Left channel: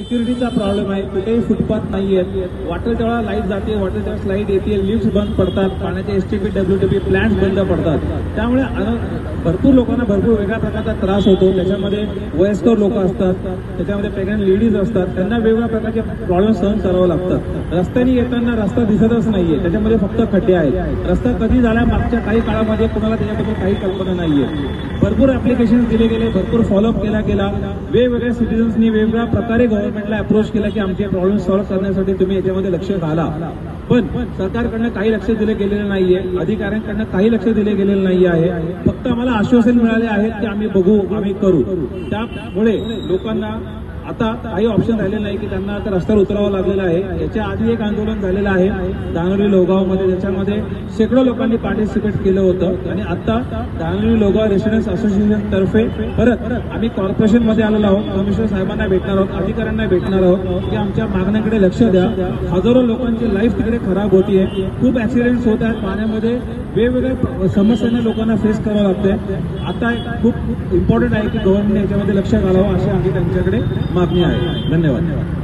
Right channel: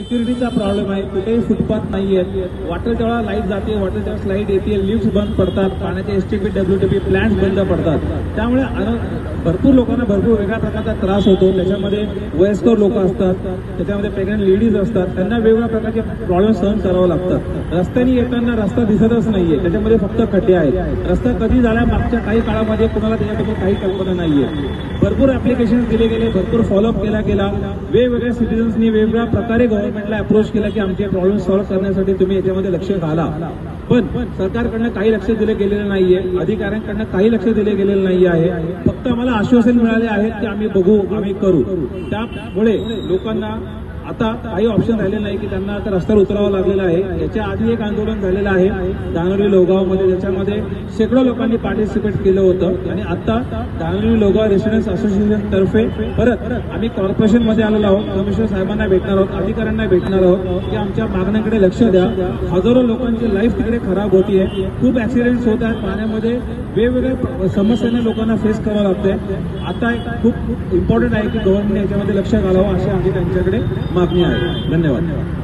सिक्युरिटीचा problem आहे, कुठेही footpath नाहीये, वाटेल तेव्हा लाईट जाते, वाटेल तेव्हा स्लाईड येते, लिफ्ट बंद पडतात, पाण्याचे एसटीपी डब्ल्यूटीपी प्लॅन्स बंद पडतात. त्यामुळे भरपूर लोकांना भरपूर वेगळ्या प्रकारचा त्रास होतो. त्याच्यामध्ये वयस्कर लोक असतात, त्याच्यामध्ये प्रेग्नंट लेडीज असतात, त्यांना वेगवेगळ्या प्रकारचे प्रॉब्लेम सहन करावं लागतात. रस्त्याने येताना रस्ता दिसतच नाहीये, त्याच्यामध्ये फक्त खड्डे आहेत. रस्ता कधी झाला मागच्या काही काळामध्ये कुणाला त्याच्याबद्दल काही कल्पना नाहीये. भरपूर ऍप्लिकेशन दिले गेले, भरपूर फॉलोअप केला गेला, वेगवेगळ्या सिटीजन्सनी वेगवेगळ्या प्रकारे गव्हर्नमेंटला अप्रोच केलं की आमचे प्रॉब्लेम सॉल्व्ह करण्यासाठी तुम्ही याच्यामध्ये लक्ष घाला. पण सरकारकडनं काही लक्ष दिलं गेलेलं नाहीये, अधिकाऱ्यांकडनं काही लक्ष दिले गेलेलं नाही आहे. फक्त आम्हाला आश्वासन मिळाले आहेत की आम्ही बघू, आम्ही करू. त्यामुळे लोकांना आता काही ऑप्शन राहिले नाही की त्यांना आता रस्त्यावर उतरावं लागलेलं आहे. याच्या आधी एक आंदोलन झालेलं आहे धांगरोली लोगावमध्ये, ज्याच्यामध्ये शेकडो लोकांनी पार्टिसिपेट केलं होतं. आणि आता धांगरोली लोगाव रेसिडेंट्स असोसिएशन तर्फे परत आम्ही कॉर्पोरेशन मध्ये आलेलो आहोत. कमिशनर साहेबांना भेटणार आहोत, अधिकाऱ्यांना भेटणार आहोत की आमच्या मागण्याकडे लक्ष द्या. हजारो लोकांची लाईफ तिकडे खराब होतीये, खूप ऍक्सिडेंट्स होत आहेत पाण्यामध्ये, वेगवेगळ्या समस्यांना लोकांना फेस करावं लागते. आता खूप इम्पॉर्टंट आहे की गव्हर्नमेंट याच्यामध्ये लक्ष घालावं अशी आमची त्यांच्याकडे मागणी आहे. धन्यवाद.